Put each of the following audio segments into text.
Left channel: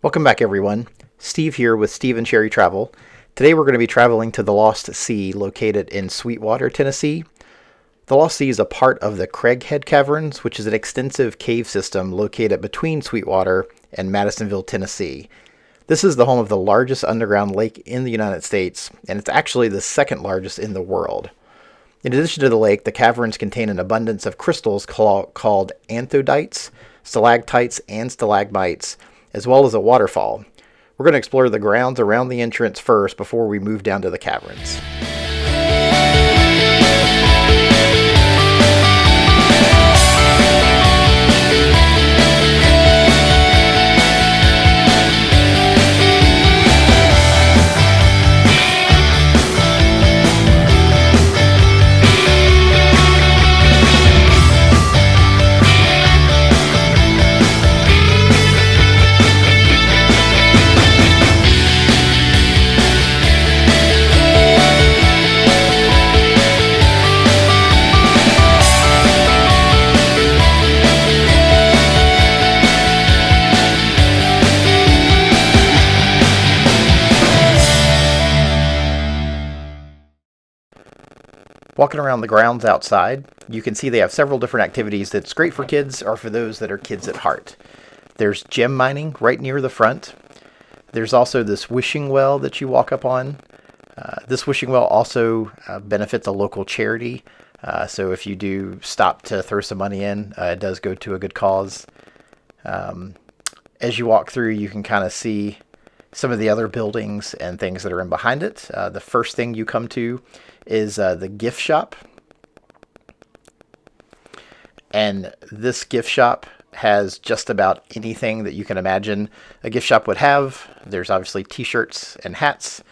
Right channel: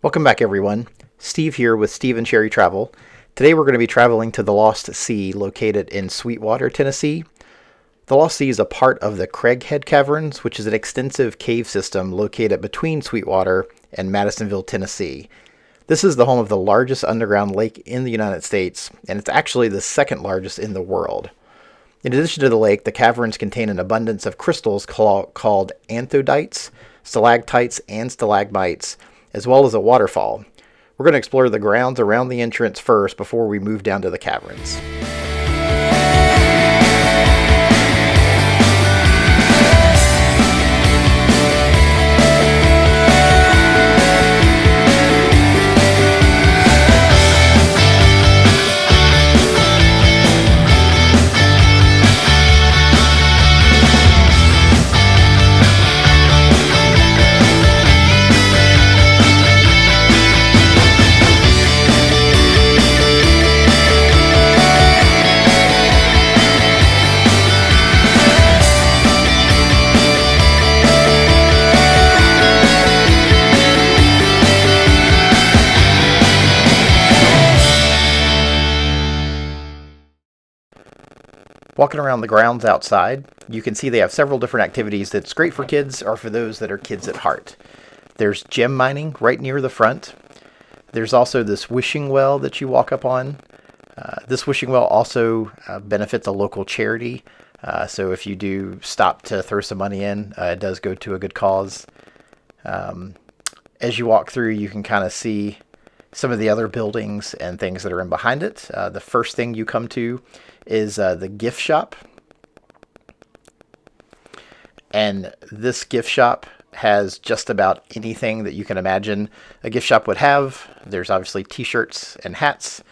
Welcome back, everyone. Steve here with Steve and Sherry Travel. Today we're going to be traveling to the Lost Sea located in Sweetwater, Tennessee. The Lost Sea is a part of the Craighead Caverns, which is an extensive cave system located between Sweetwater and Madisonville, Tennessee. This is the home of the largest underground lake in the United States, and it's actually the second largest in the world. In addition to the lake, the caverns contain an abundance of crystals called anthodites, stalactites, and stalagmites, as well as a waterfall. We're going to explore the grounds around the entrance first before we move down to the caverns. Walking around the grounds outside, you can see they have several different activities that's great for kids or for those that are kids at heart. There's gem mining right near the front. There's also this wishing well that you walk up on. This wishing well also benefits a local charity. So if you do stop to throw some money in, it does go to a good cause. As you walk through, you can kind of see some of the other buildings and things that are in behind it. The first thing you come to is the gift shop. And this gift shop has just about anything that you can imagine a gift shop would have. There's obviously t-shirts and hats,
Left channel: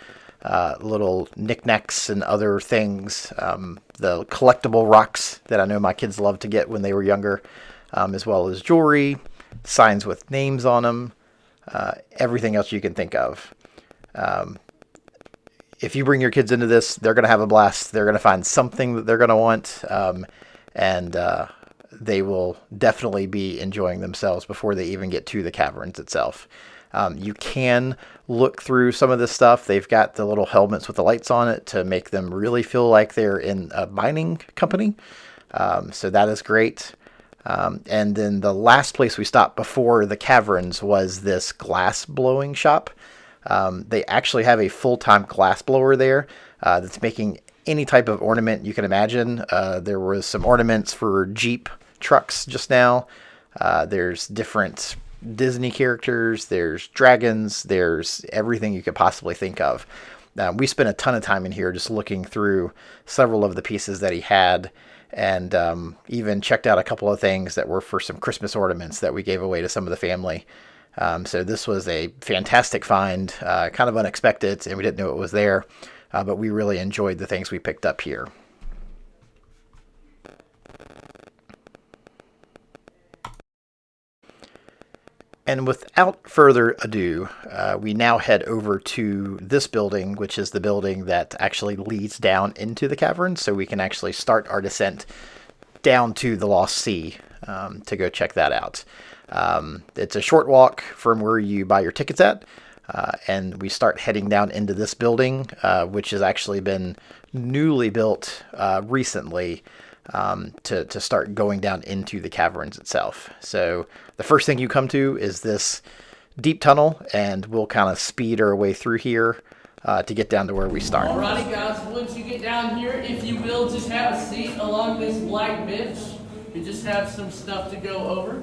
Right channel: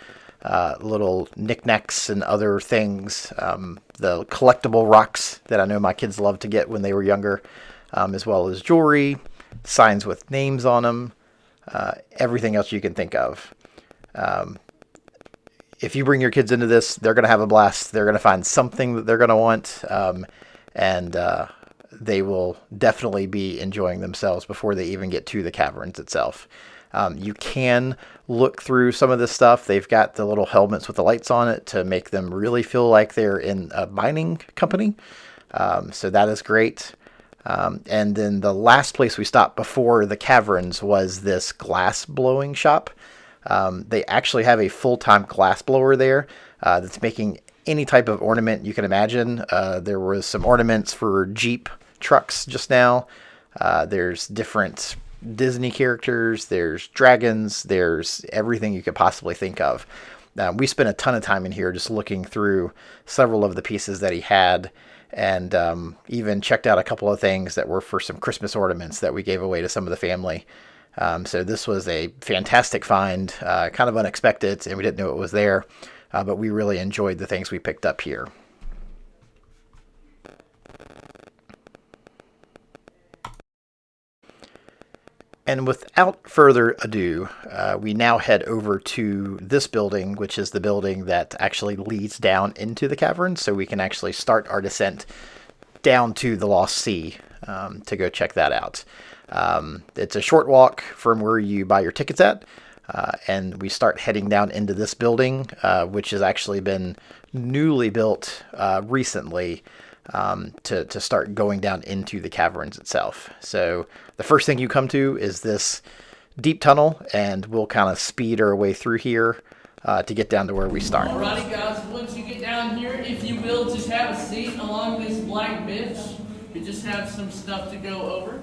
little knickknacks and other things, the collectible rocks that I know my kids loved to get when they were younger, as well as jewelry, signs with names on them, everything else you can think of. If you bring your kids into this, they're going to have a blast. They're going to find something that they're going to want, and they will definitely be enjoying themselves before they even get to the caverns itself. You can look through some of this stuff. They've got the little helmets with the lights on it to make them really feel like they're in a mining company. So that is great. And then the last place we stopped before the caverns was this glass blowing shop. They actually have a full-time glass blower there that's making any type of ornament you can imagine. There was some ornaments for Jeep trucks just now. There's different Disney characters. There's dragons. There's everything you could possibly think of. We spent a ton of time in here just looking through several of the pieces that he had, and even checked out a couple of things that were for some Christmas ornaments that we gave away to some of the family. So this was a fantastic find, kind of unexpected, and we didn't know it was there, but we really enjoyed the things we picked up here. And without further ado, we now head over to this building, which is the building that actually leads down into the cavern, so we can actually start our descent down to the Lost Sea to go check that out. It's a short walk from where you buy your tickets at, and we start heading down into this building, which has actually been newly built recently, to start going down into the caverns itself. So the first thing you come to is this deep tunnel, and we'll kind of speed our way through here to get down to where we start. Alrighty guys, once you get down here, if you will, just have a seat along this black bench. You just have some stuff to go over.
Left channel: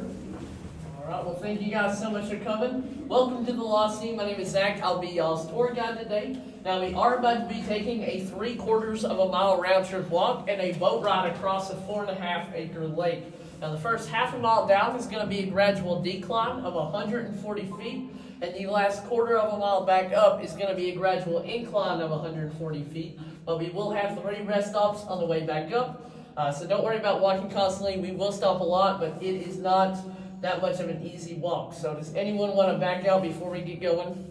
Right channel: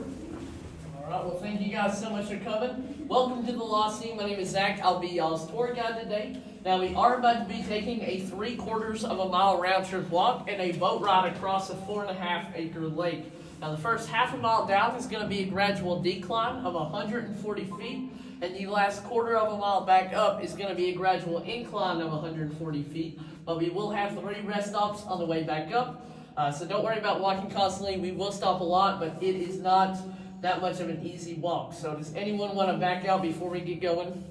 Alright, well thank you guys so much for coming. Welcome to the Lost Sea. My name is Zach. I'll be y'all's tour guide today. Now we are about to be taking a 3/4 of a mile round trip walk and a boat ride across a 4.5-acre lake. Now the first half a mile down is going to be a gradual decline of 140 feet, and the last 1/4 of a mile back up is going to be a gradual incline of 140 feet. But we will have 3 rest stops on the way back up, so don't worry about walking constantly. We will stop a lot, but it is not that much of an easy walk. So does anyone want to back out before we get going?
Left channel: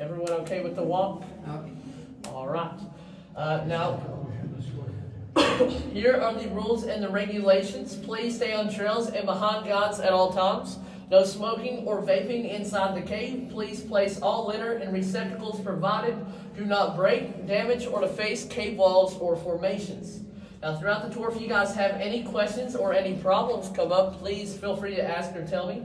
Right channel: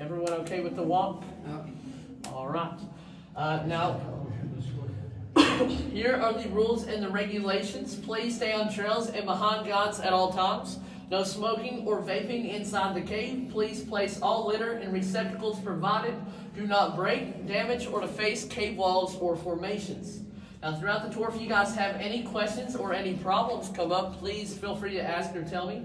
Everyone okay with the walk? All right. Now, here are the rules and the regulations. Please stay on trails and behind guides at all times. No smoking or vaping inside the cave. Please place all litter in receptacles provided. Do not break, damage, or deface cave walls or formations. Now, throughout the tour, if you guys have any questions or any problems come up, please feel free to ask or tell me.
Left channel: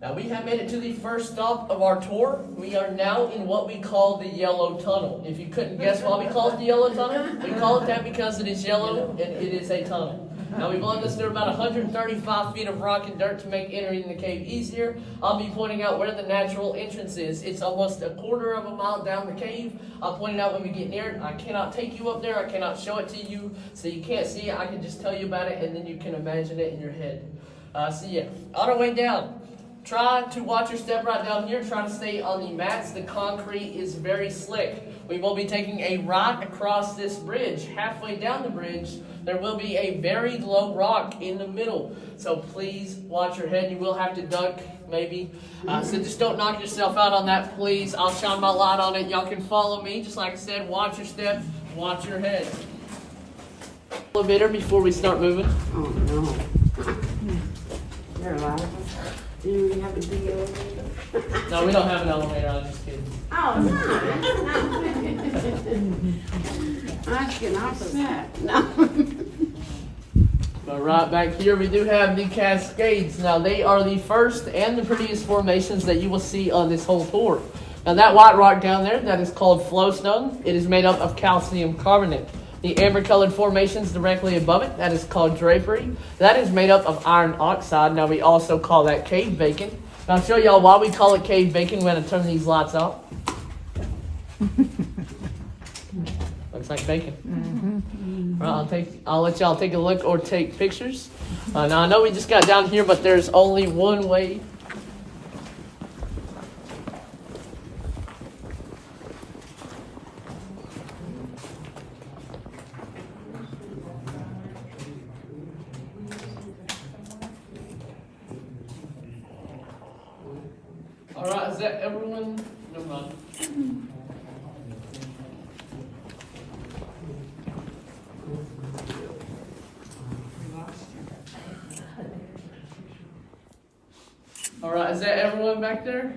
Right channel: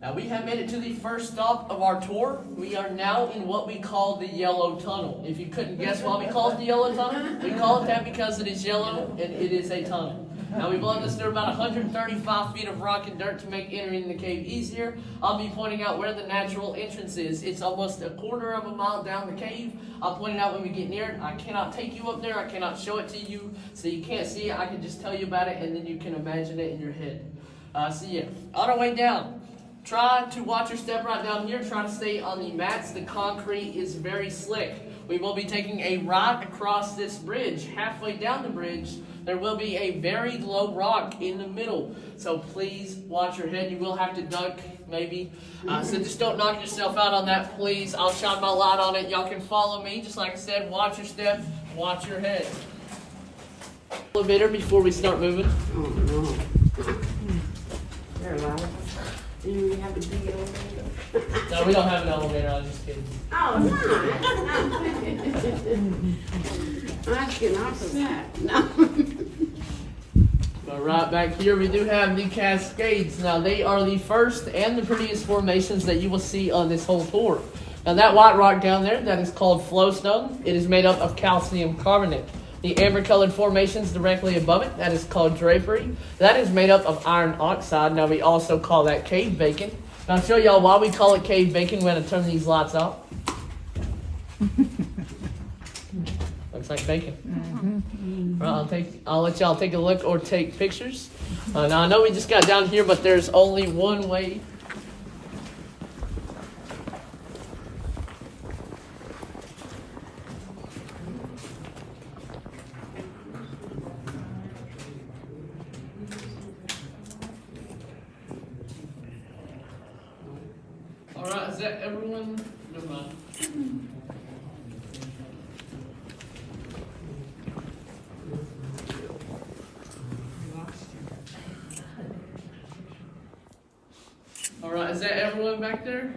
Now, we have made it to the first stop of our tour. We are now in what we call the Yellow Tunnel. If you couldn't guess why we call it the Yellow Tunnel, we call it that because it is yellow and it is a tunnel. Now, we've loaded this through about 135 feet of rock and dirt to make entering the cave easier. I'll be pointing out where the natural entrance is. It's almost a quarter of a mile down the cave. I'll point it out when we get near it. I cannot take you up there. I cannot show it to you, so you can't see it. I can just tell you about it, and then you can imagine it in your head. On our way down, try to watch your step right down here. Try to stay on the mats. The concrete is very slick. We will be taking a right across this bridge. Halfway down the bridge, there will be a very low rock in the middle. So please watch your head. You will have to duck, maybe. So just don't knock yourself out on that, please. I'll shine my light on it. Y'all can follow me. Just like I said, watch your step, watch your head. Elevator before we start moving. Oh, no. You're alive. Do we have a big elevator? No, we don't have an elevator. I'm just kidding. Oh, no. I'm getting upset. No. But right back here, we do have the Cascades. Now, they are the first and the prettiest formations that you will see on this whole tour. Now, that white rock down there, that is called flowstone. It is made up of calcium carbonate. The amber-colored formations directly above it, that is called drapery. That is made up of iron oxide. Now, we also call that cave bacon. Now, I'll show y'all why we call it cave bacon when I turn these lights off. Looks like bacon. Right, I'll let y'all take a look or take pictures. Now, I know we just got down here, but there's only one way. All right, is that everyone? Never mind. All right, is that everyone back there?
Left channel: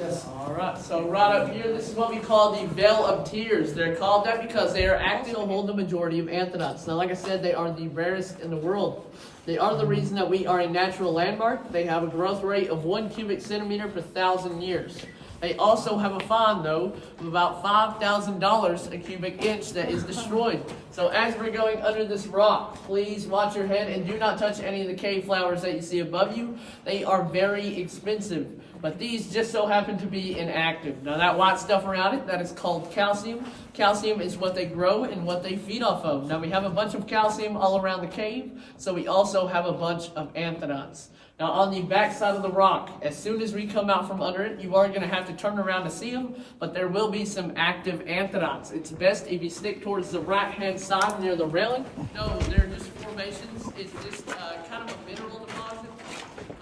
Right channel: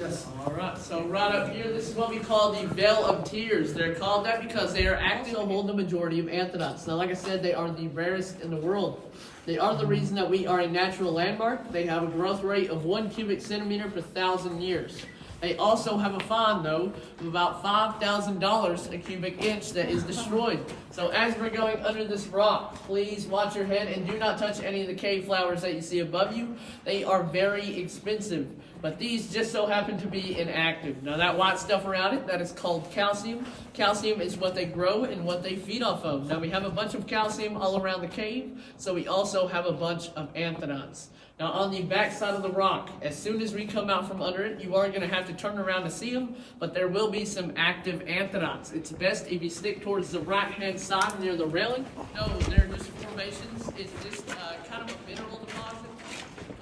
Yes. All right, so right up here, this is what we call the Veil of Tears. They're called that because they are active to hold the majority of anthracite. Now, like I said, they are the rarest in the world. They are the reason that we are a natural landmark. They have a growth rate of 1 cubic centimeter per 1,000 years. They also have a fine, though, of about $5,000 a cubic inch that is destroyed. So as we're going under this rock, please watch your head and do not touch any of the cave flowers that you see above you. They are very expensive, but these just so happen to be inactive. Now that white stuff around it, that is called calcium. Calcium is what they grow and what they feed off of. Now we have a bunch of calcium all around the cave, so we also have a bunch of anthracites. Now on the back side of the rock, as soon as we come out from under it, you are going to have to turn around to see them, but there will be some active anthracites. It's best if you stick towards the right-hand side near the railing. No, they're just formations. It's just kind of a mineral deposit.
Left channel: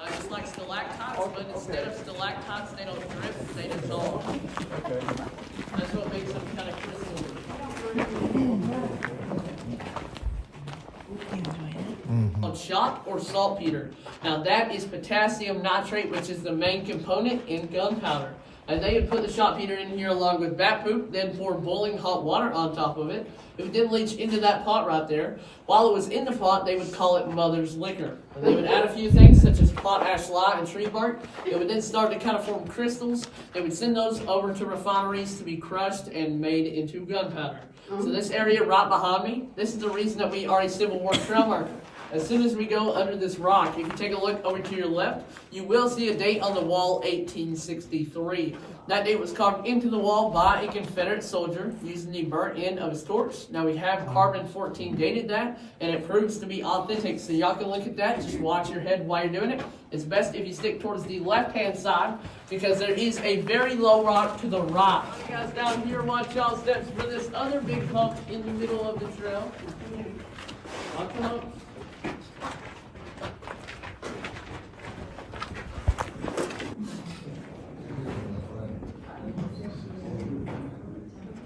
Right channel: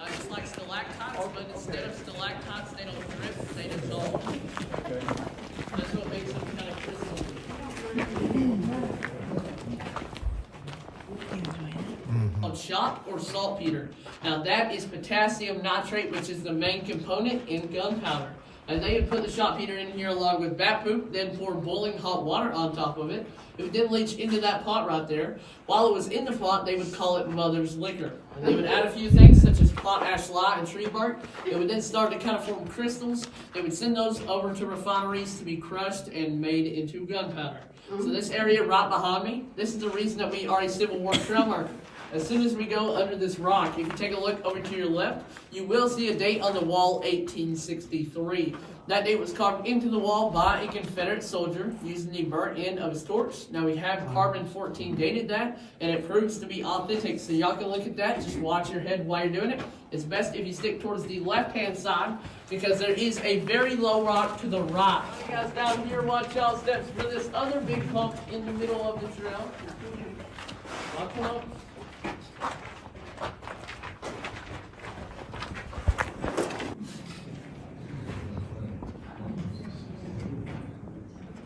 It's like stalactites, but instead of stalactites, they don't drip, they dissolve. Okay. That's what makes them kind of crystalline. Called shot or saltpeter. Now that is potassium nitrate, which is the main component in gunpowder. And they would put the saltpeter in here along with bat poop, then pour boiling hot water on top of it. It would then leach into that pot right there. While it was in the pot, they would call it mother's liquor. And they would add a few things such as potash lye and tree bark. It would then start to kind of form crystals. They would send those over to refineries to be crushed and made into gunpowder. So this area right behind me, this is the reason that we are a Civil War trail marker. As soon as we go under this rock, if you take a look over to your left, you will see a date on the wall, 1863. That date was carved into the wall by a Confederate soldier using the burnt end of his torch. Now we have carbon-14 dated that, and it proves to be authentic. So y'all can look at that. Just watch your head while you're doing it. It's best if you stick towards the left-hand side because there is a very low rock to the right. You guys down here, watch y'all steps for this other big hump in the middle of the trail. I'll come up.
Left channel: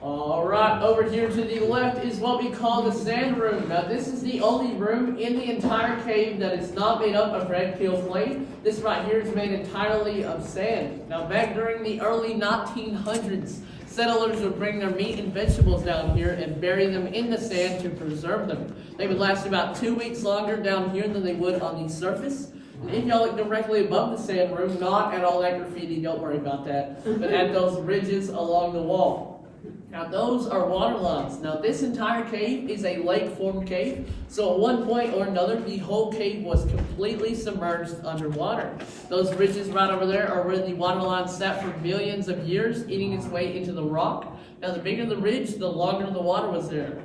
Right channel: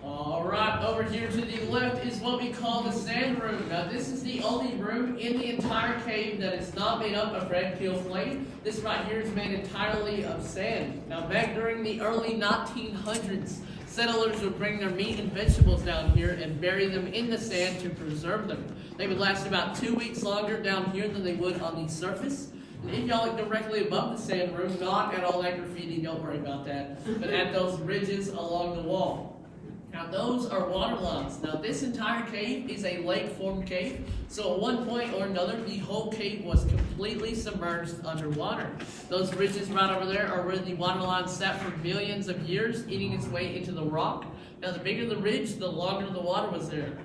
All right, right, over here to the left is what we call the sand room. Now, this is the only room in the entire cave that is not made up of red kill clay. This right here is made entirely of sand. Now, back during the early 1900s, settlers would bring their meat and vegetables down here and bury them in the sand to preserve them. They would last about 2 weeks longer down here than they would on the surface. And if y'all look directly above the sand room, not at all that graffiti, don't worry about that, but at those ridges along the wall. Now those are water lines. Now this entire cave is a lake-formed cave, so at one point or another, the whole cave was completely submerged underwater. Those ridges right over there are where the water line sat for millions of years, eating its way into the rock. Now the bigger the ridge, the longer the water was there.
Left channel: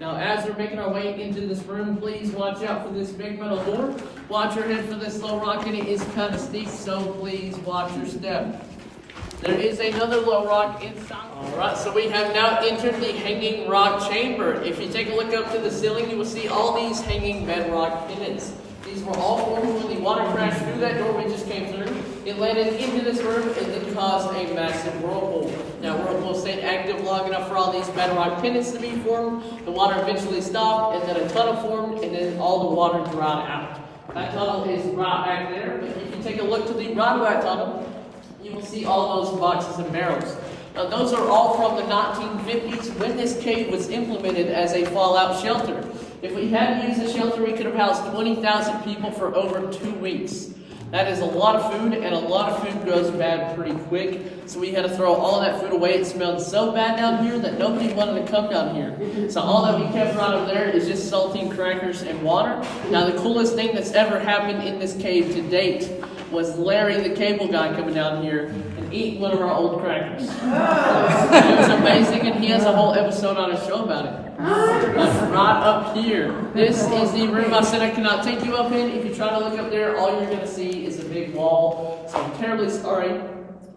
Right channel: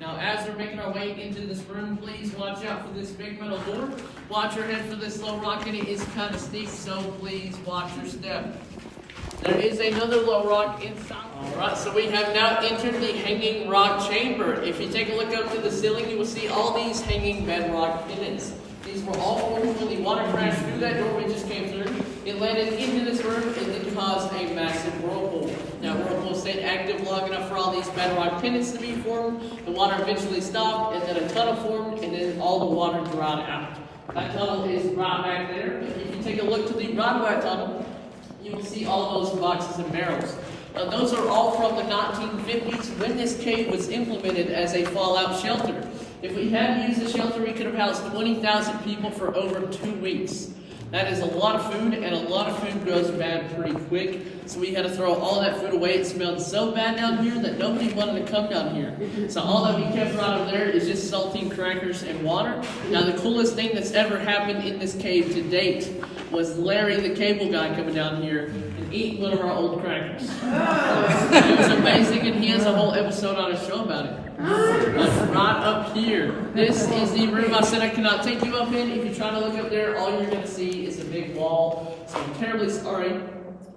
Now, as we're making our way into this room, please watch out for this big metal door. Watch your head for this low rock, and it is kind of steep, so please watch your step. There is another low rock inside. All right, so we have now entered the hanging rock chamber. If you take a look up to the ceiling, you will see all these hanging bedrock pennants. These were all formed when the water crashed through that door we just came through. It landed into this room and then caused a massive whirlpool. Now, whirlpool stayed active long enough for all these bedrock pennants to be formed. The water eventually stopped, and then a tunnel formed, and then all the water dried out. That tunnel is right back there. But if you take a look to the right of that tunnel, you will see all those boxes and barrels. Now, those are all from the 1950s when this cave was implemented as a fallout shelter. If we hadn't used the shelter, we could have housed 20,000 people for over 2 weeks. That is a lot of food, and a lot of food goes bad pretty quick. So we had to throw all that food away. It smelled so bad down here that nobody wanted to come down here. So all that we kept right over there is just saltine crackers and water. Now the coolest thing that's ever happened in this cave to date was Larry, the cable guy, coming down here and eating one of our old crackers. It was amazing, and he has a whole episode on his show about it. But right up here, this is the room I said I cannot take you up in. If you try to look up there, all you're going to see is a big wall. So I'm terribly sorry,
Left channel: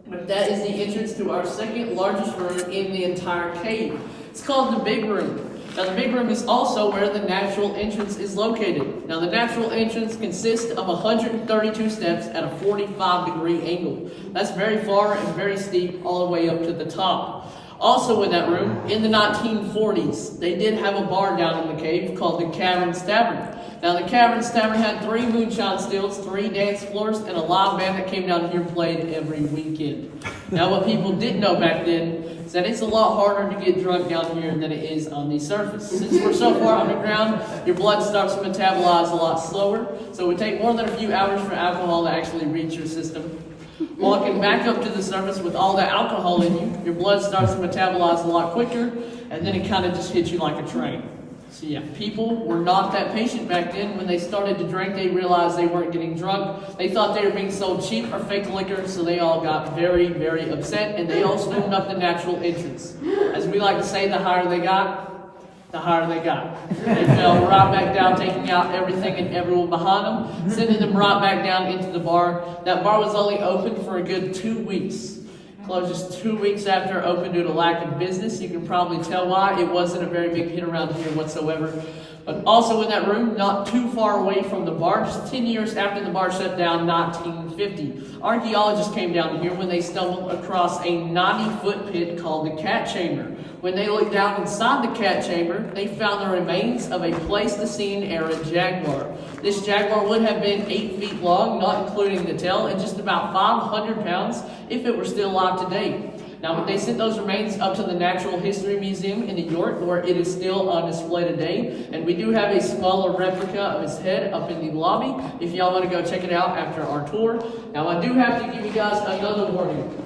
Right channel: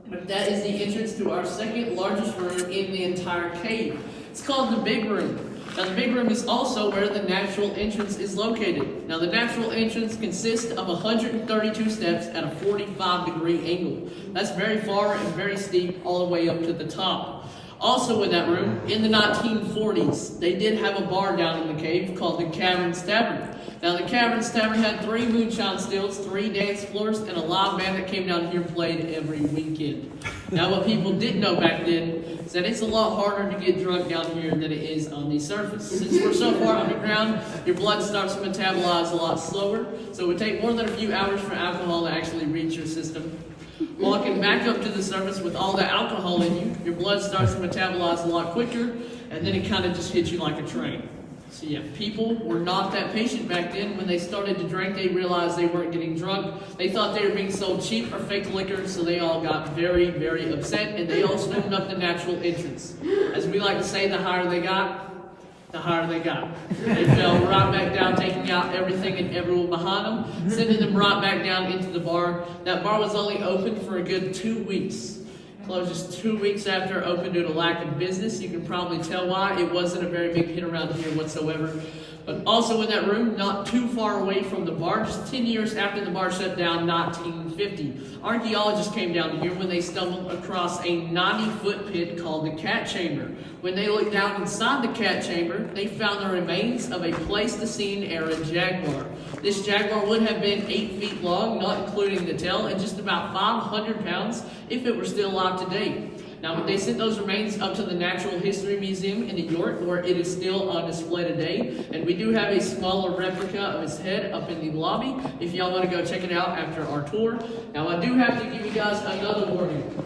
but that is the entrance to our second largest room in the entire cave. It's called the big room. Now the big room is also where the natural entrance is located. Now the natural entrance consists of 132 steps at a 45-degree angle. That's very far and very steep all the way up to the top. Also in that room, in the 1940s, they did have a bar down in the cave called the Cavern's Tavern. Now the Cavern's Tavern had 3 moonshine stills, 3 dance floors, and a live band that came down here and played every weekend. Now what people didn't know back then is that it's a lot harder to get drunk down here than it is on the surface. Since we're so far underground, your blood starts to metabolize a lot slower, so it would take more than a few hours for alcohol to actually reach your system. Walking back up to the surface with all that alcohol in you, your blood starts to metabolize a lot quicker, and then it kind of just hits you like a train. So yeah, people were not that patient back then. When they started to drink, they realized they weren't getting drunk. They thought they were being sold cheap or fake liquor, so they all got very, very upset, and they all stormed up the natural entrance. As we like to say, the higher they got, the higher they got. They fell right back down, taking out everything and everyone behind them, sending them right back down into the bar. That bar was only open for a good 2 weeks. Closed just 2 weeks after it opened due to lack of business. You can probably tell why. It wasn't a very big hit around here whatsoever. But also in that room, not too far away from the bar, just 10 years after the bar shut down, 1950, archaeologists came down here when they stumbled across a 90-foot pit called the Cat Chamber. When they looked down inside the cat chamber, they found the remains of a Pleistocene-era jaguar. This jaguar would have been 8 feet long, not including the tail, and just about 500 pounds if it were still alive today. Now, they sent those remains up to the Natural History Museum in New York, where it is still on display today. And we do have a smaller replica of his head up in the lobby, if y'all want to go check it out after our tour. Now, I do have to give you guys another warning.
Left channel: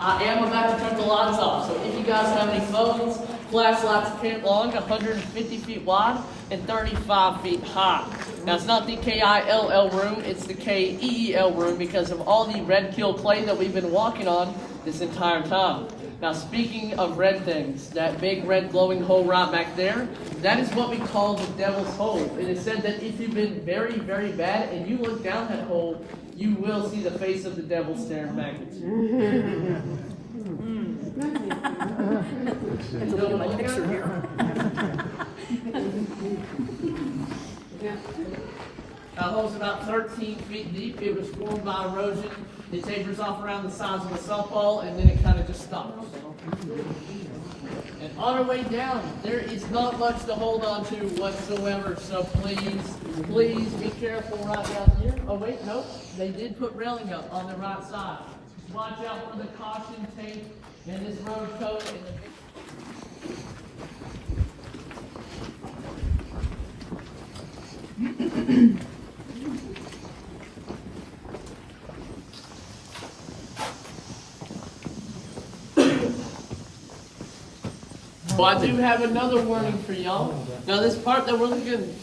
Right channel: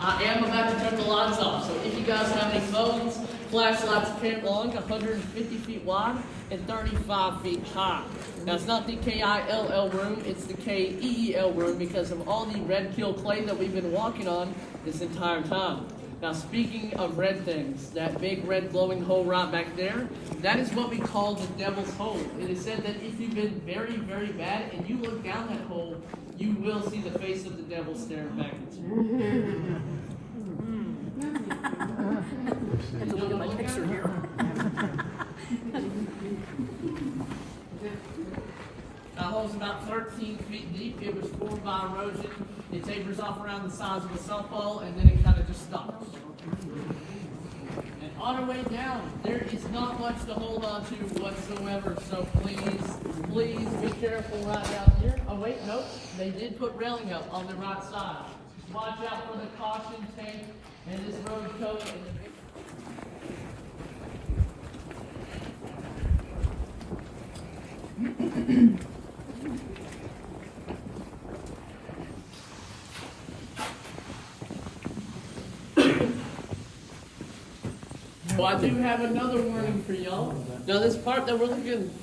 I am about to turn the lights off, so if you guys have any phones, flashlights are long, 150 feet wide and 35 feet high. Now, it's not the KILL room, it's the KEEL room because of all the red kill clay that we've been walking on this entire time. Now, speaking of red things, that big red glowing hole right back there, that is what we call the devil's hole. It is said that if you've been very, very bad and you look down that hole, you will see the face of the devil staring back at you. Let's look at my picture here. That hole's about 13 feet deep. It was formed by erosion. It tapers off around the size of a softball, and then it kind of just stops. And on our way down, there is not much to hold on to whatsoever. So please be careful right down here. Oh wait, nope. They did put railing up on the right side. Just watch out for the caution tape and this road code. Well, I do have another warning for y'all. Now, this part that we're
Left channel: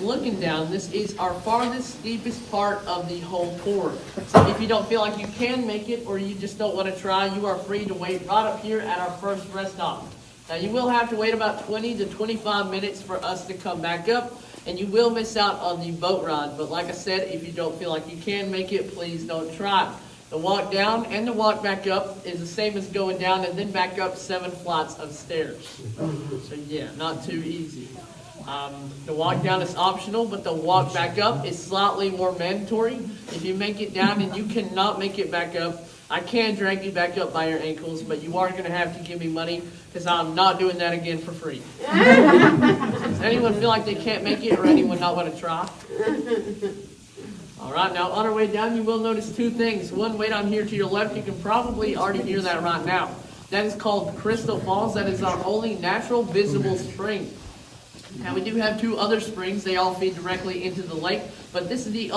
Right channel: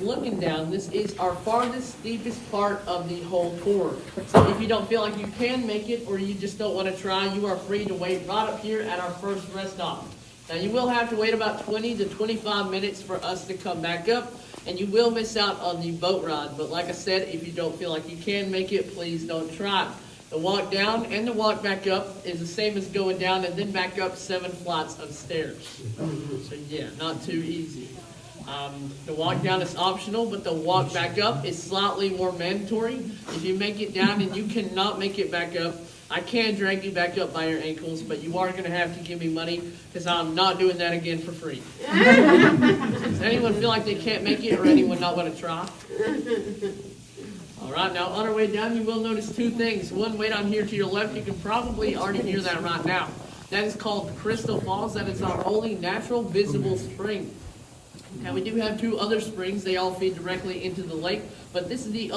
looking down, this is our farthest, steepest part of the whole tour. So if you don't feel like you can make it or you just don't want to try, you are free to wait right up here at our first rest stop. Now, you will have to wait about 20 to 25 minutes for us to come back up, and you will miss out on the boat ride. But like I said, if you don't feel like you can make it, please don't try. The walk down and the walk back up is the same as going down and then back up 7 flights of stairs. So yeah, not too easy. The walk down is optional, but the walk back up is slightly more mandatory. If you make it down and you cannot make it back up, I can drag you back up by your ankles, but you are going to have to give me money because I'm not doing that again for free. Does anyone feel like they can't make it or anyone not want to try? All right, now on our way down, you will notice 2 things. One, way down here to your left, you can probably already hear that right now. That is called Crystal Falls. That is our only natural visible spring. Now we do have 2 other springs. They all feed directly into the lake, but this is the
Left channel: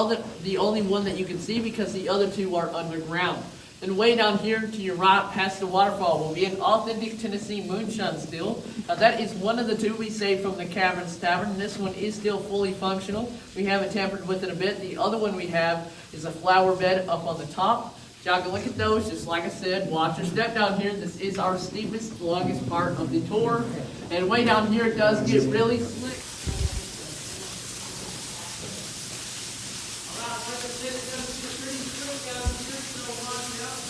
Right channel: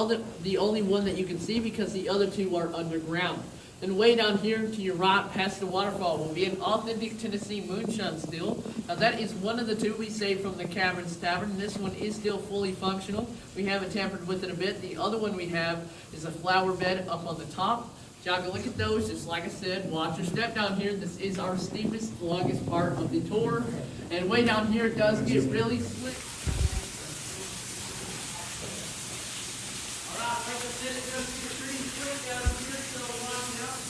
only one that you can see because the other 2 are underground. Then way down here to your right, past the waterfall, will be an authentic Tennessee moonshine still. Now that is one of the 2 we saved from the Caverns Tavern. This one is still fully functional. We haven't tampered with it a bit. The other one we have is a flower bed up on the top. Y'all can look at those. Just like I said, watch your step down here. This is our steepest, longest part of the tour. And way down here, it does get really slick. All right, like I said, it does get pretty slick down here, so watch out.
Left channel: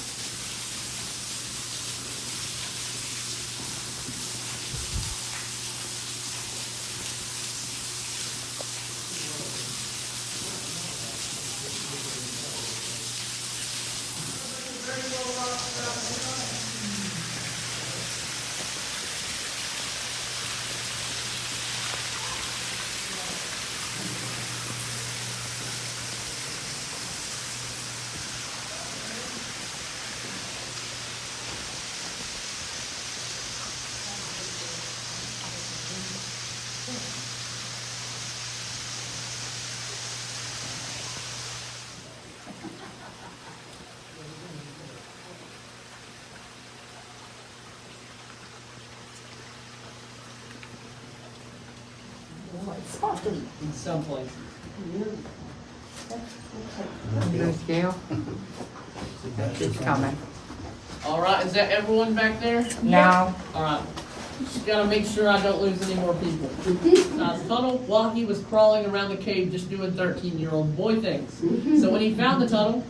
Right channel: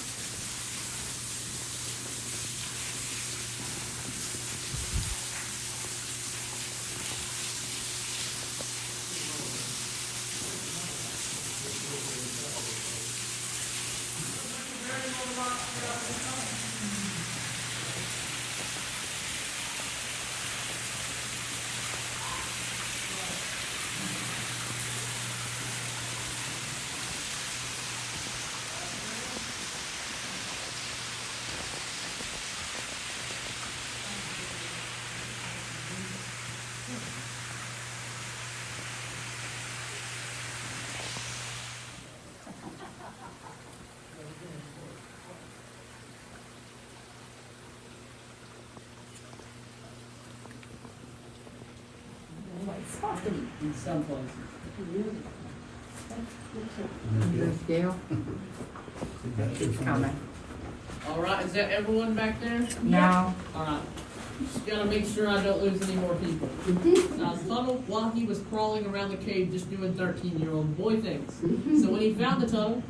In some places. Your scale? It's coming. All right, is that everyone back there? No. All right. Just gotta make sure I don't lose any more people. Now, the tunnel, while he was crawling around the cave just doing 13-year-old boy things. So when he found the tunnel,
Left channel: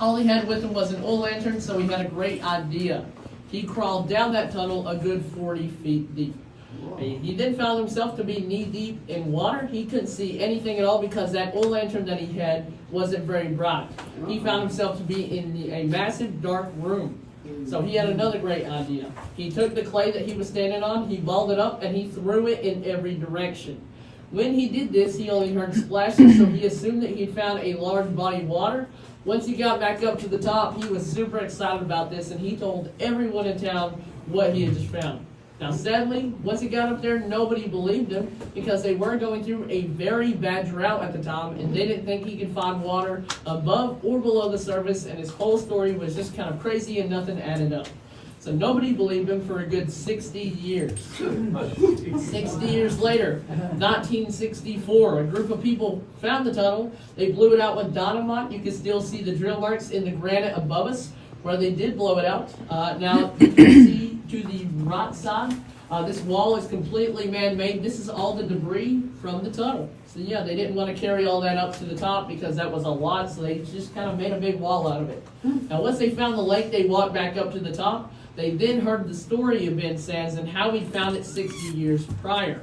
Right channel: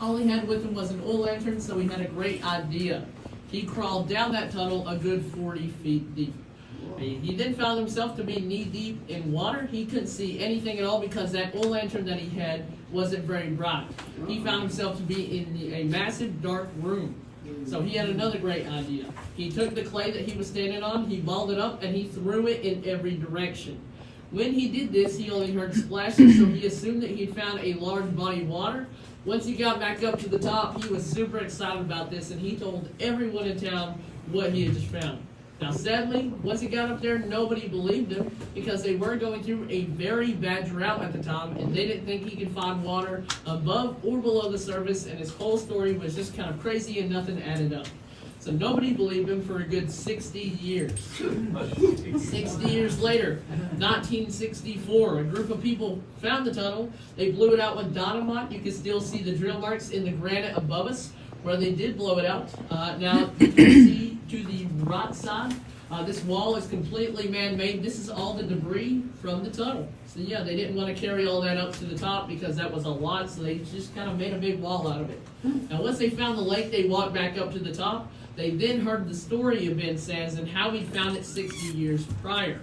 all he had with him was an oil lantern, so he had a great idea. He crawled down that tunnel a good 40 feet deep. He then found himself to be knee-deep in water. He couldn't see anything at all because that oil lantern that he had wasn't very bright. He found himself to be in a massive dark room. So he had another great idea. He took the clay that he was standing on, he balled it up, and he threw it in every direction. When he did this, he only heard splashes, so he assumed that he had found a large body of water. Once he got back up to the top, he was super excited about this, and he told everyone in town what he had just found. Now, sadly, once he got up there, nobody believed him because they were going through a very bad drought at the time, and they didn't think he could find water above or below the surface, and his whole story was just kind of crazy and nothing added up. So nobody believed him for a good 60 years. 60 years later, 1964, a group of people found the tunnel. They blew it out with dynamite. You can still see the drill marks in the granite above us where they did blow it out. Now, you can see to the right side, this wall is completely man-made. This is all the debris from the tunnel. So yeah, they didn't want to carry all that up to the top because that was a lot, so they just kind of made a big wall out of it. Now, once they found the lake, they walked back up to the top. They then heard the story of Ben Sands and how he found it 60 years prior.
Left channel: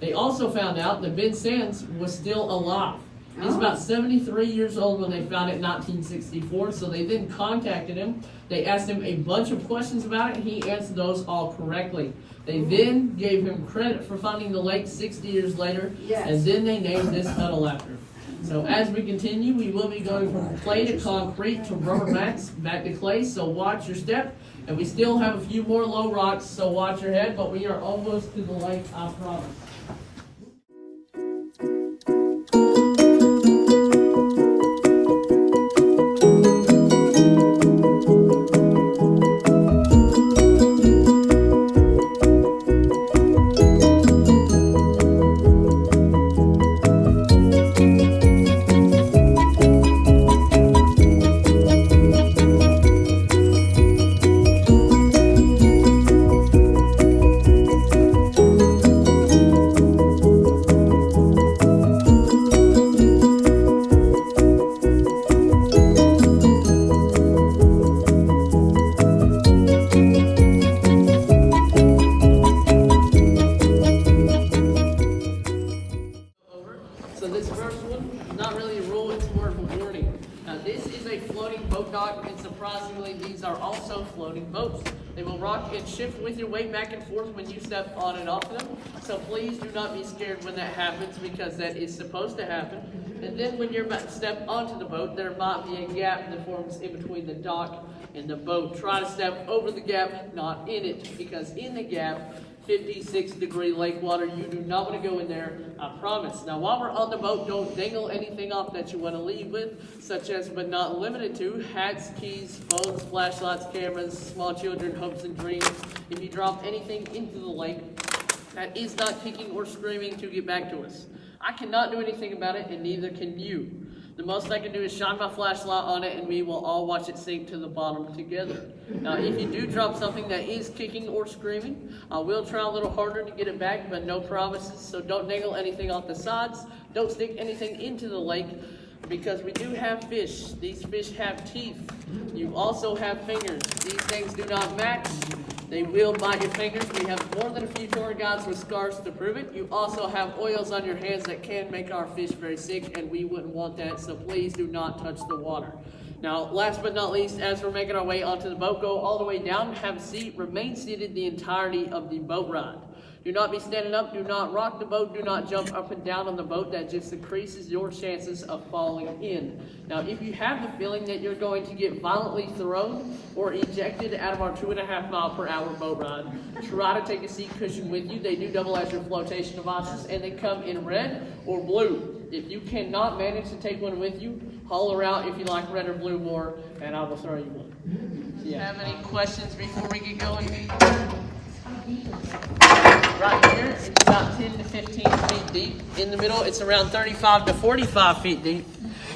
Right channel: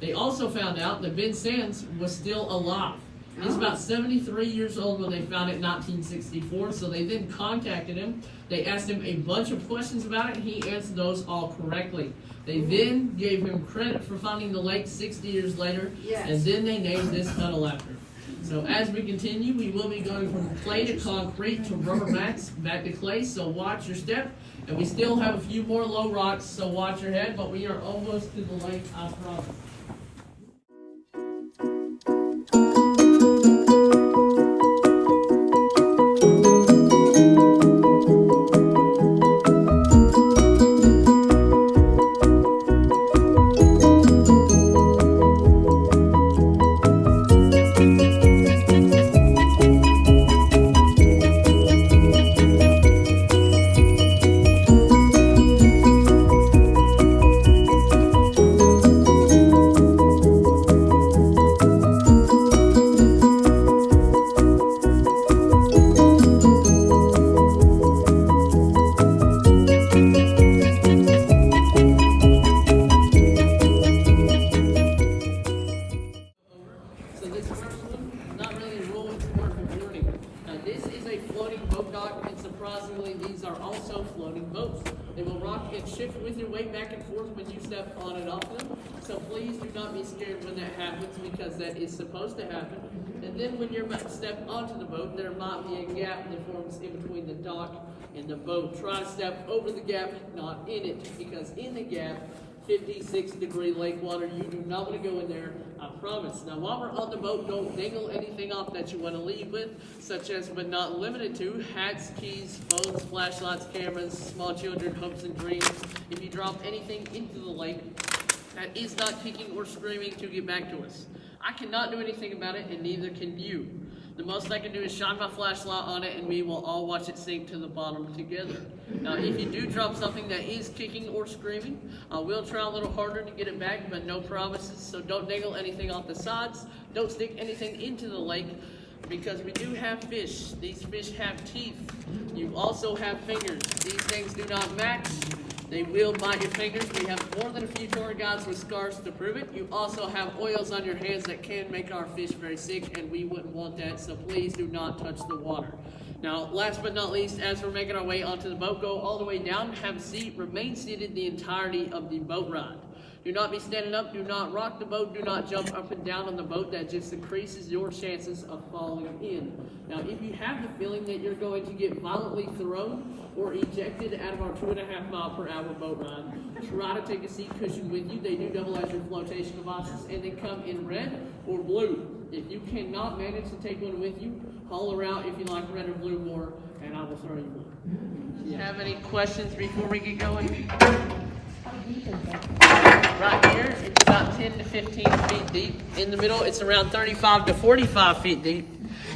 They also found out that Ben Sands was still alive. He's about 73 years old when they found it in 1964, so they then contacted him. They asked him a bunch of questions about it, and he answered those all correctly. They then gave him credit for finding the lake 60 years later, and then they named this tunnel after him. So as we continue, we will be going from clay to concrete to rubber mats, back to clay, so watch your step. And we still have a few more low rocks, so watch your head, but we are almost to the lake, I promise. So this first one, not really a rule, it's more of a warning. Now this is a floating boat dock, and surprisingly these are also floating boats. They will rock and shift with your weight back and forth when you step on and off them. So please do not be scared when that happens, because that is supposed to happen. And then when you're about to step onto the boat, there might be a gap that forms in between the dock and the boat. Try to step over the gap, not in it, because in the gap, 56-degree lake water, you do not want to go in there, I promise. Now while we're on the boat, don't dangle anything off that you want to leave with, such as but not limited to hats, keys, phones, flashlights, cameras, small children, hopes and dreams. If you drop anything into the lake that is not kicking or screaming to get back to us, I cannot do anything about it, and neither can you. The most I can do is shine my flashlight on it, and we will all watch it sink to the bottom together. Now, if you do drop something that is kicking or screaming, I will try a little harder to get it back, but no promises. So don't dangle anything off the sides. Don't stick anything into the lake, because we do have fish. These fish have teeth. You also have fingers. These things do not match. They will bite your fingers. We have more than a few tour guides with scars to prove it. You also have oils on your hands that can make our fish very sick, and we wouldn't want that, so please do not touch the water. Now, last but not least, as we're making our way onto the boat, go all the way down, have a seat, remain seated the entirety of the boat ride. Do not be standing up, do not rock the boat, do not jump up and down on the boat. That just increases your chances of falling in. Now, if you have the feeling that you're going to get violently thrown or ejected out of our 2.5 mile per hour boat ride, try to take a seat cushion with you. They do double as your flotation devices, and they come in red or blue. If you cannot manage to take one with you, holler out if you like red or blue more, and I will throw you one. Do you have any questions before we get going? Right here, it's about 10 to 15 feet deep. In the middle, it's around 35 to 45 feet deep.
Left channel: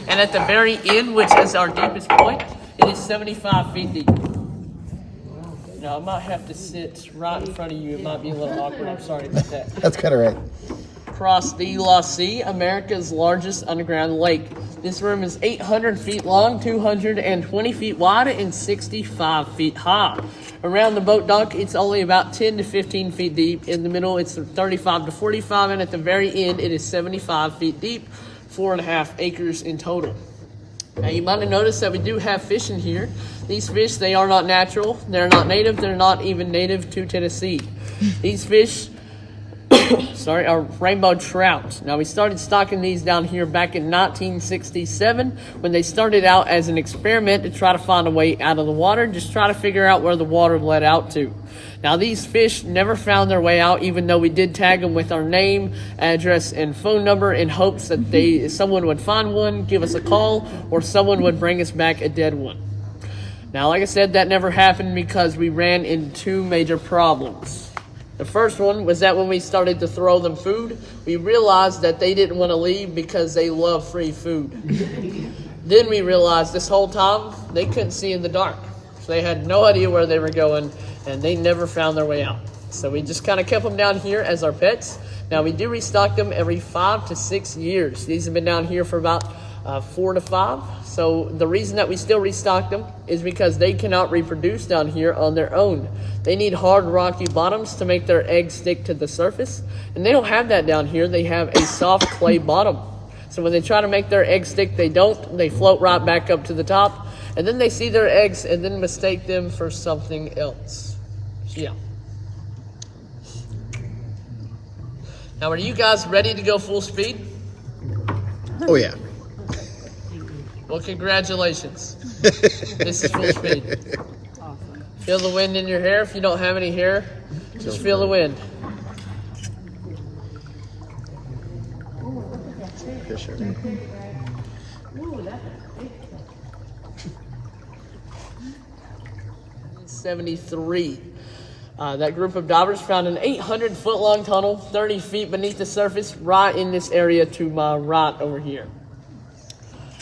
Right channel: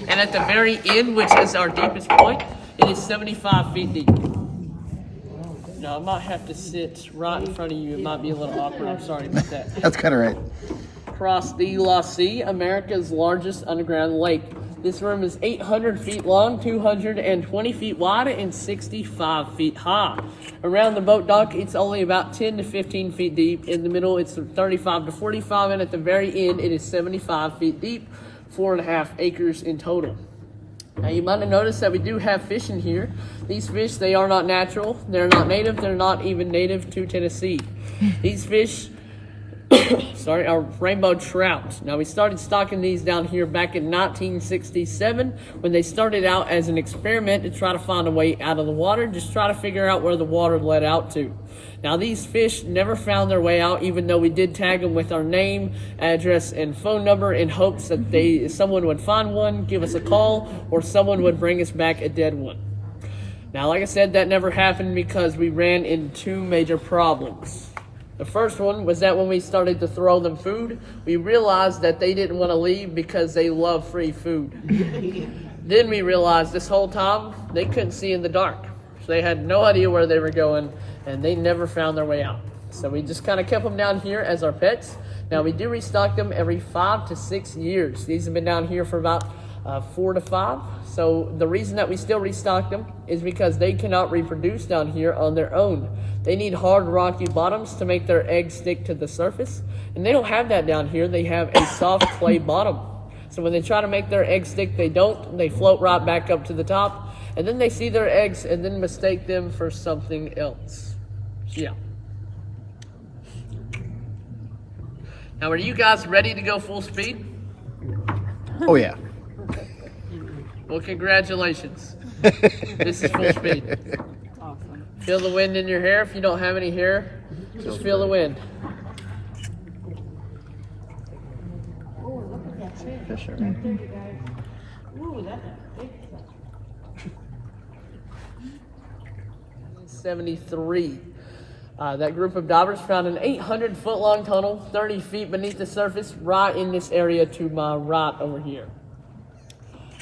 And at the very end, which is our deepest point, it is 75 feet deep. Now, I might have to sit right in front of you. It might be a little awkward. I'm sorry about that. That's kind of right. Across the La Sea, America's largest underground lake. This room is 800 feet long, 220 feet wide, and 65 feet high. Around the boat dock, it's only about 10 to 15 feet deep. In the middle, it's 35 to 45, and at the very end, it is 75 feet deep, 4.5 acres in total. Now, you might have noticed that we do have fish in here. These fish, they are not natural. They're not native. They're not even native to Tennessee. These fish are rainbow trout. Now, we started stocking these down here back in 1967 when they started out as an experiment to try to find a way out of the water, just try to figure out where the water led out to. Now, these fish never found their way out, even though we did tag them with our name, address, and phone number in hopes that someone would find one, give us a call, or someone would bring us back a dead one. Now, like I said, that never happened because we ran into two major problems. The first one was that when we started to throw them food, we realized that they didn't want to leave because they love free food. Then we realized this whole time they couldn't see in the dark. So they had no idea where they were going, and they never found their way out. So we just kind of kept them down here as our pets. Now, we do restock them every 5 to 6 years. These have been down here for about 4 to 5. So the reason that we still restock them is because they cannot reproduce down here on their own. They need hard, rocky bottoms to make their eggs stick to the surface, and they don't have that down here. They have a soft clay bottom. So when they try to make their egg stick, they don't. They float right back up to the top. And then they see their eggs and then mistake them for something else. So yeah. Now, are you guys ready to go full speed? Oh yeah. Well, congratulations. This is full speed. Feel the wind in your hair. If you don't have any hair, just feel the wind. For sure. 73. That group of divers found an 800-foot-long tunnel, 30 feet beneath the surface, right in this area to my right over here.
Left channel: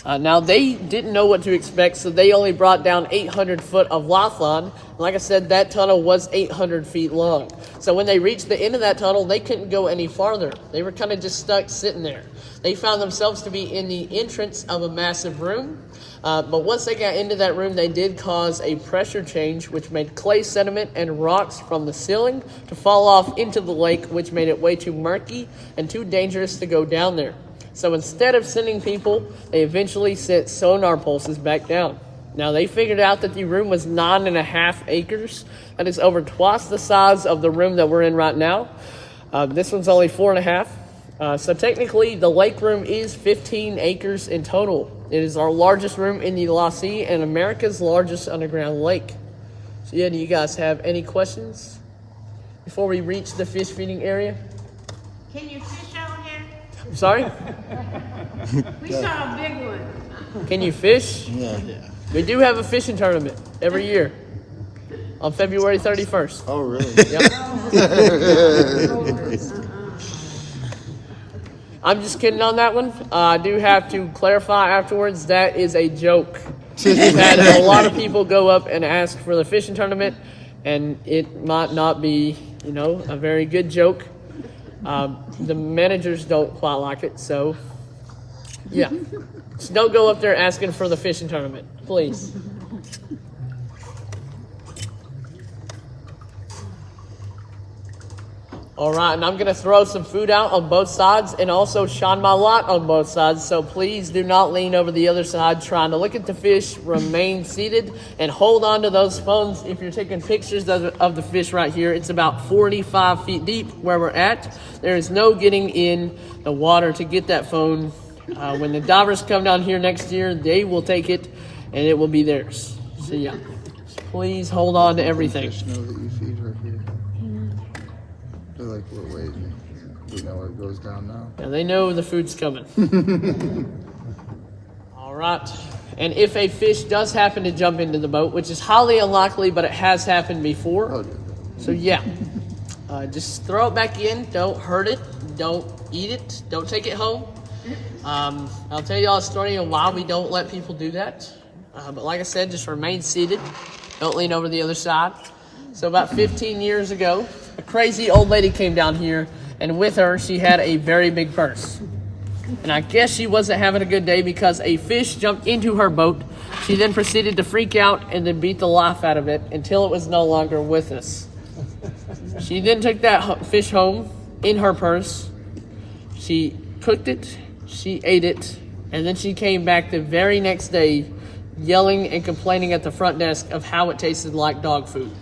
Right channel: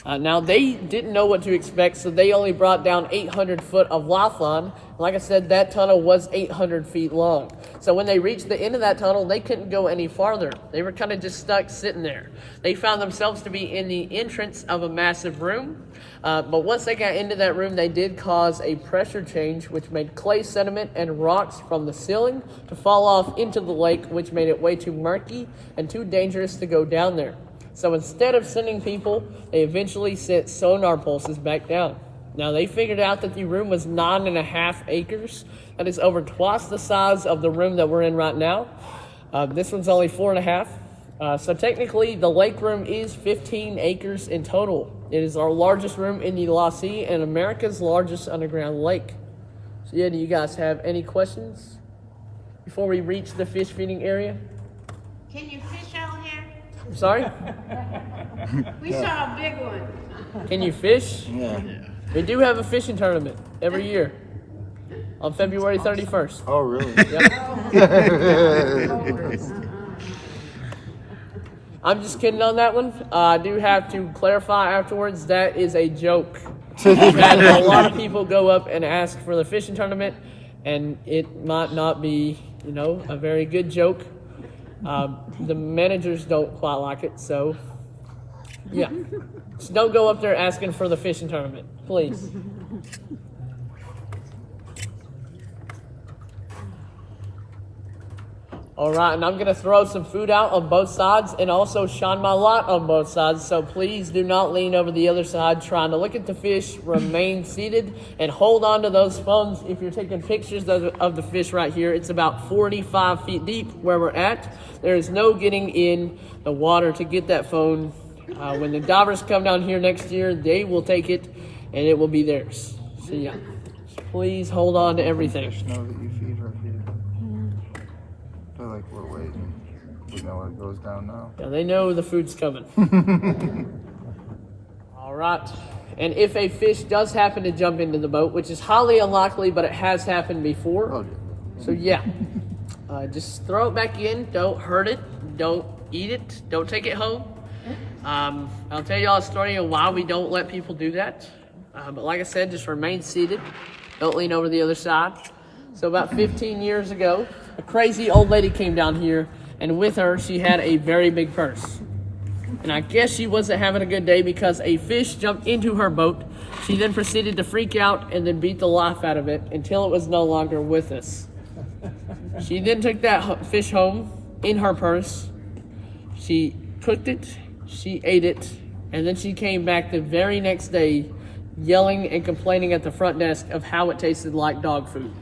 Now, they didn't know what to expect, so they only brought down 800 foot of lifeline. Like I said, that tunnel was 800 feet long. So when they reached the end of that tunnel, they couldn't go any farther. They were kind of just stuck sitting there. They found themselves to be in the entrance of a massive room. But once they got into that room, they did cause a pressure change, which made clay sediment and rocks from the ceiling to fall off into the lake, which made it way too murky and too dangerous to go down there. So instead of sending people, they eventually sent sonar pulses back down. Now, they figured out that the room was 9.5 acres. That is over twice the size of the room that we're in right now. This one's only 4.5. So technically, the lake room is 15 acres in total. It is our largest room in the La Sea and America's largest underground lake. So yeah, do you guys have any questions before we reach the fish feeding area? Can you fish out here? I'm sorry? We saw a big one. Can you fish? Yeah. We do have a fishing tournament every year on February 31st. Oh really? Yep. I'm just kidding on that one. I do have to clarify afterwards, that is a joke. We've had a lot of people go up and ask for the fishing tournament, and it might not be, a very good joke. The managers don't quite like it, so yeah. Just don't go up there asking for the fishing tournament, please. All right, and I'm going to throw some food out on both sides and also shine my light on both sides. So please do not lean over the other side trying to look at the fish. Remain seated and hold on to those phones if you're taking pictures of the fish right here. It's about 45 feet deep where we're at. There is no getting in the water to get that phone. When the divers come down here next year, they will take it and it will be theirs. So yeah, please hold on to everything. Fish know that you feed her here. They're like, we're waiting. We know where it goes down now. Yeah, they know the food's coming. All right. And if a fish does happen to jump into the boat, which is highly unlikely, but it has happened before. Oh, yeah. So yeah, just throw it back in. Don't hurt it. Don't eat it. Don't take it home. I'll tell you all a story of why we don't let people do that. But like I said, just remain seated. Don't lean over the other side. So about 15 years ago, a crazy old lady came down here, and with her, she had a very big purse. And I guess she wasn't having a good day because a fish jumped into her boat. She then proceeded to freak out and then beat the life out of it until it was no longer with us. She then took that fish home in her purse. She cooked it, she ate it, and then she came back the very next day yelling and complaining at the front desk of how it tasted like dog food.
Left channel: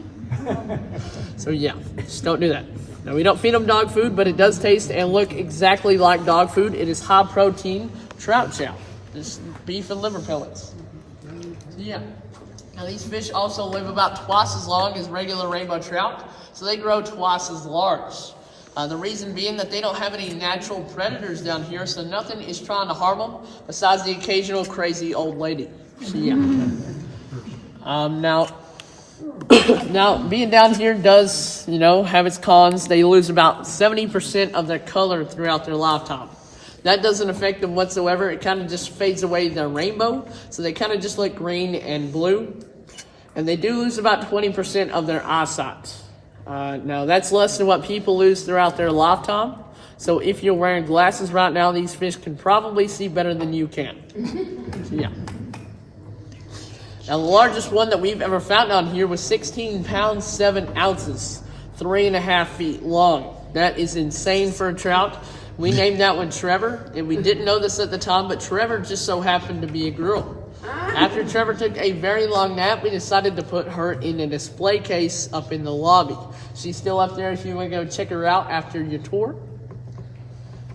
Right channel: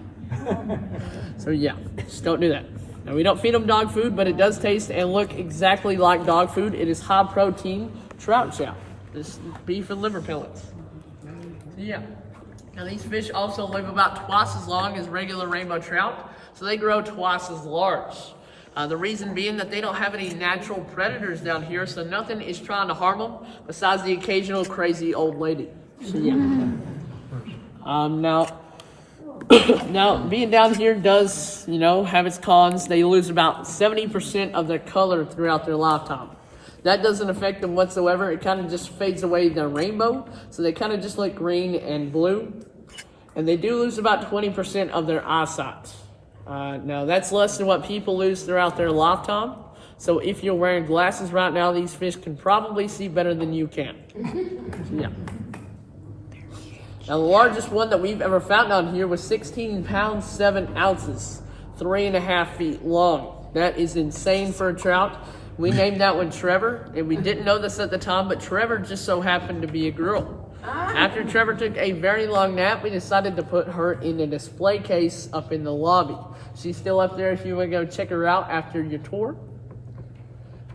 So yeah, just don't do that. Now, we don't feed them dog food, but it does taste and look exactly like dog food. It is high protein trout chow. It's beef and liver pellets. So yeah. Now these fish also live about twice as long as regular rainbow trout, so they grow twice as large. The reason being that they don't have any natural predators down here, so nothing is trying to harm them besides the occasional crazy old lady. So yeah. Now being down here does, have its cons. They lose about 70% of their color throughout their lifetime. That doesn't affect them whatsoever. It kind of just fades away the rainbow, so they kind of just look green and blue. And they do lose about 20% of their eyesight. Now that's less than what people lose throughout their lifetime. So if you're wearing glasses right now, these fish can probably see better than you can. So, yeah. Now the largest one that we've ever found on here was 16 pounds, 7 ounces, 3.5 feet long. That is insane for a trout. We named that one Trevor, and we didn't know this at the time, but Trevor just so happened to be a girl. After Trevor took a very long nap, we decided to put her in a display case up in the lobby. She's still up there if you want to go check her out after your tour.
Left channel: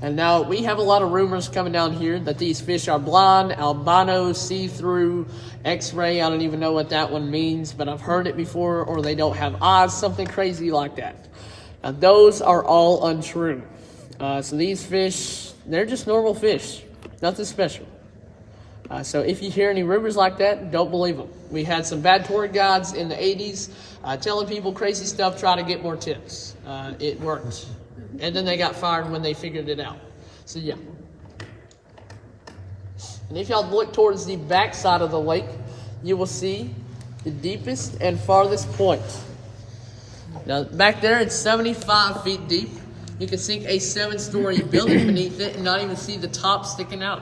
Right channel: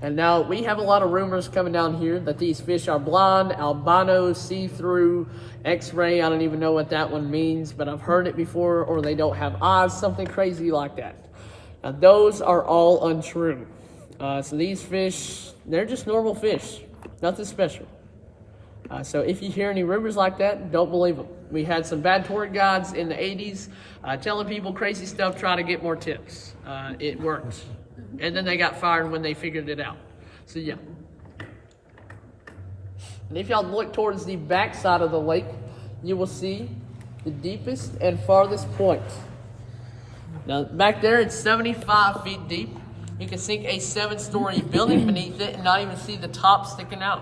And now we have a lot of rumors coming down here that these fish are blonde, albino, see-through, x-ray. I don't even know what that one means, but I've heard it before, or they don't have eyes, something crazy like that. Now those are all untrue. So these fish, they're just normal fish, nothing special. So if you hear any rumors like that, don't believe them. We had some bad tour guides in the 80s telling people crazy stuff, trying to get more tips. It worked. And then they got fired when they figured it out. So yeah. And if y'all look towards the back side of the lake, you will see the deepest and farthest point. Now back there, it's 75 feet deep. You can sink a 7-story building beneath it and not even see the top sticking out.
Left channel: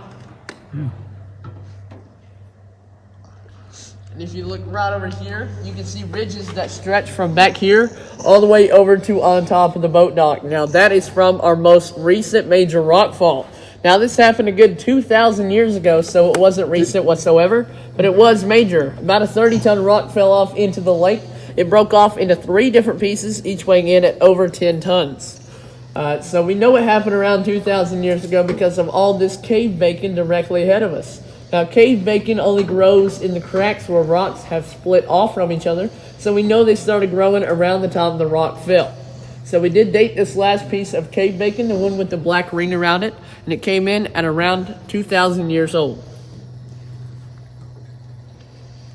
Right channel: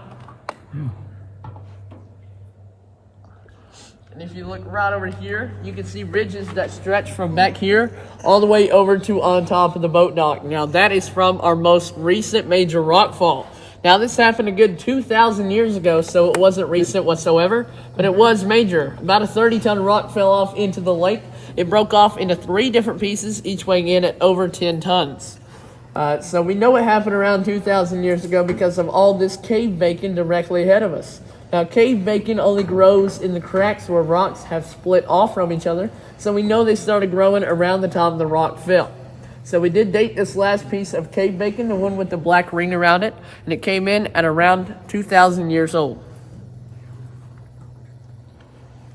And if you look right over here, you can see ridges that stretch from back here all the way over to on top of the boat dock. Now that is from our most recent major rockfall. Now this happened a good 2,000 years ago, so it wasn't recent whatsoever, but it was major. About a 30-ton rock fell off into the lake. It broke off into 3 different pieces, each weighing in at over 10 tons. So we know it happened around 2,000 years ago because of all this cave bacon directly ahead of us. Now, cave bacon only grows in the cracks where rocks have split off from each other, so we know they started growing around the time the rock fell. So we did date this last piece of cave bacon, the one with the black ring around it, and it came in at around 2,000 years old.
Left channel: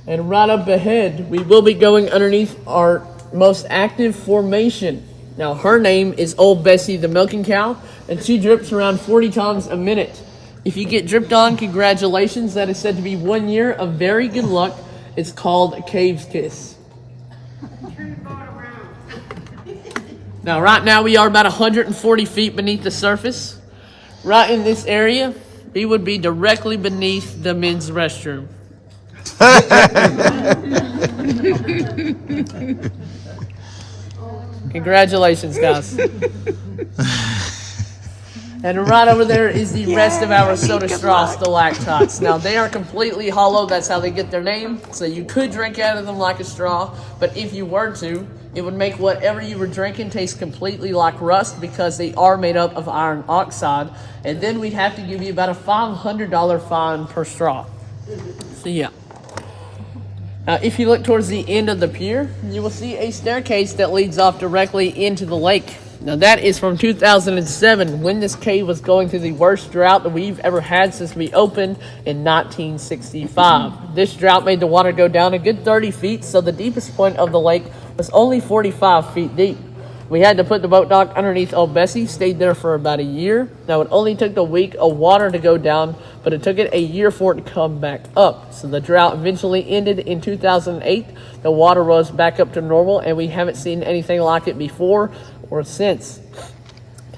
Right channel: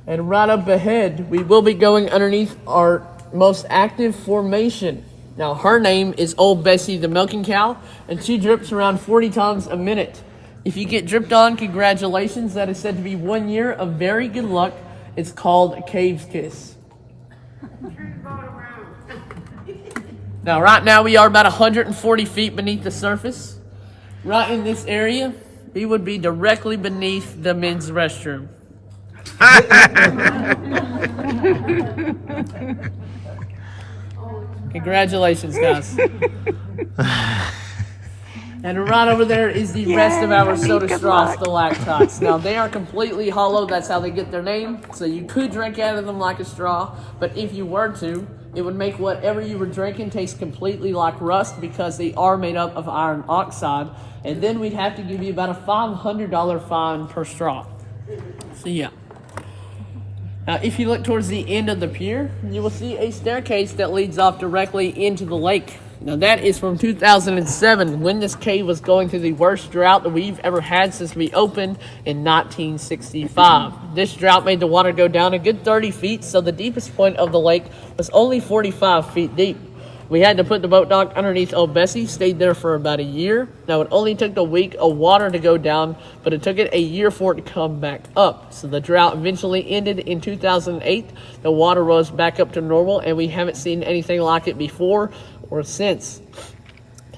And right up ahead, we will be going underneath our most active formation. Now, her name is Old Bessie the milking cow, and she drips around 40 times a minute. If you get dripped on, congratulations. That is said to be 1 year of very good luck. It's called Cave's Kiss. Now, right now, we are about 140 feet beneath the surface. Right in this area, we would be directly beneath the men's restroom. Congratulations, guys. And right over there is the rest of our soda straw stalactites. Now, they are completely hollow. That's how they get their name. So you could drink out of them like a straw, but if you were to, it would make whatever you were drinking taste completely like rust because they are made up of iron oxide. And then we'd have to give you about a $500 fine per straw. So yeah. Now, if you look towards the end of the pier, you will see a staircase that leads off directly into the lake. Now, that is from 2007, when this cave was going through the worst drought that we've ever had since we opened in 1965. This drought made the water go down a good 30 feet, so the deepest point of the lake was only 45 feet deep. We had to put the boat dock underneath Old Bessie, stayed there for about a year. Now, it only took the week of water to go down, but it took it a year for it to come back up. So the drought eventually ended in 2008. The water rose back up to normal, and we haven't seen anything like it before or since.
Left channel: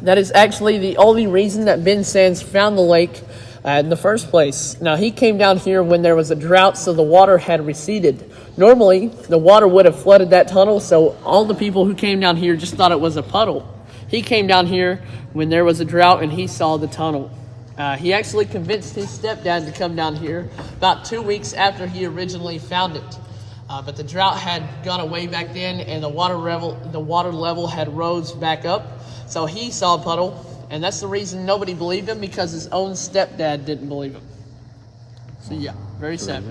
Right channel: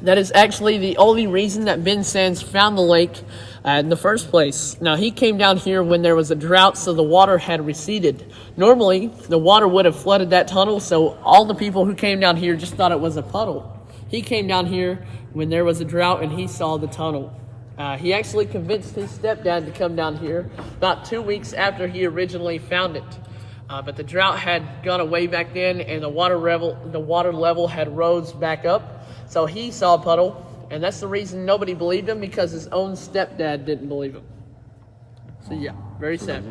That is actually the only reason that Ben Sands found the lake in the first place. Now, he came down here when there was a drought, so the water had receded. Normally, the water would have flooded that tunnel, so all the people who came down here just thought it was a puddle. He came down here when there was a drought, and he saw the tunnel. He actually convinced his stepdad to come down here about 2 weeks after he originally found it. But the drought had gone away back then, and the water level had rose back up. So he saw a puddle, and that's the reason nobody believed him, because his own stepdad didn't believe him. So yeah, very sad.